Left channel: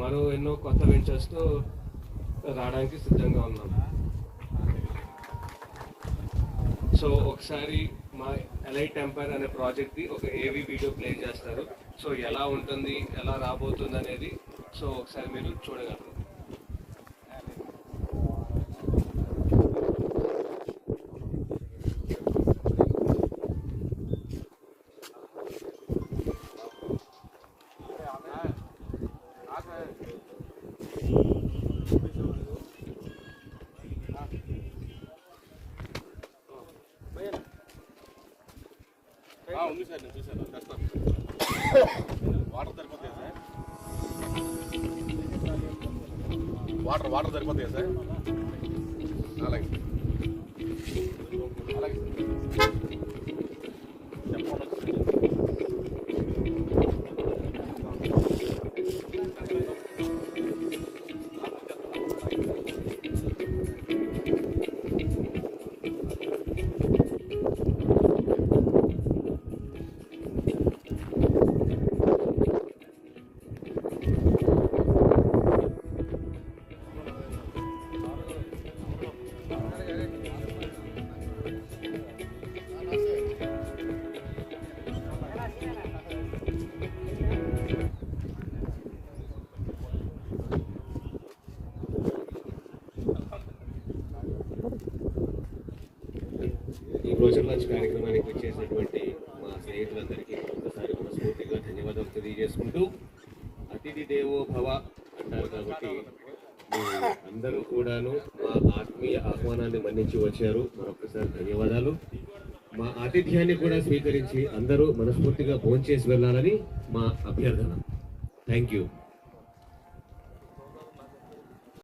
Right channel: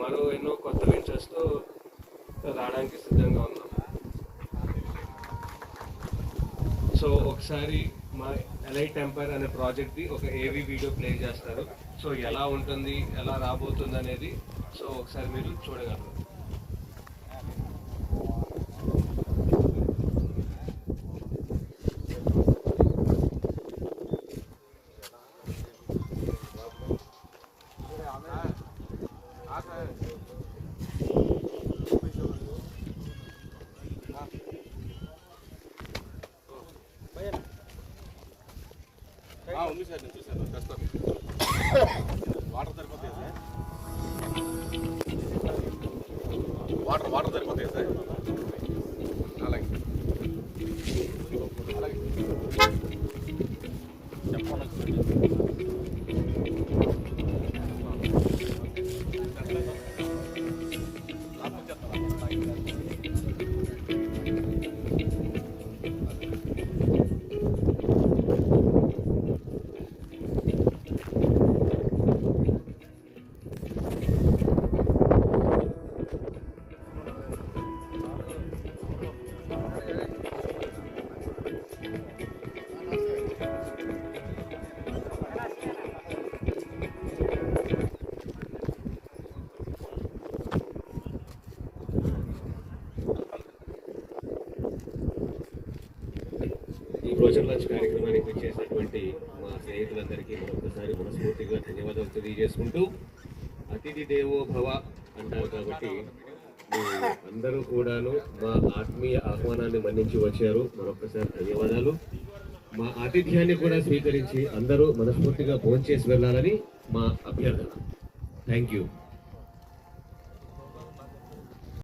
మరో ఎన్నో కొత్త వెంచర్స్తో రావడానికి సిద్ధంగా ఉన్నాం. సో ఒకసారి మా ఎలైట్ టెంపర్ అనే ప్రాజెక్ట్ది ఒక ఏవీ వీడియో ప్లే చేస్తారు. సో ఎలా ఉంటుంది, ఎలా రాబోతుంది అనేది సో ఒకసారి మీరు చూడగలరు. ఉంది సార్, నేను చూసాను. వాటర్ సరిపోతాయి సార్, వాటర్ సరిపోతాయి సార్. అలాగే చెప్పండి. ఈ బ్రోచర్ లాంచ్ కార్యక్రమానికి వచ్చేసినటువంటి మా స్నేహితులందరికీ మరొకసారి మనస్ఫూర్తిగా ధన్యవాదాలు తెలియజేసుకుంటూ, అతిథి దేవో భవ అంటారు కాబట్టి అందరూ కూడాను మా ఆత్మీయ ఆహ్వానాన్ని మన్నించి వచ్చారు. మరొకసారి ధన్యవాదాలు. మా ఆతిథ్యాన్ని కూడా స్వీకరించి అందరూ మనస్ఫూర్తిగా భోంచేసి వెళ్ళాలని మా అభ్యర్థన. Thank you.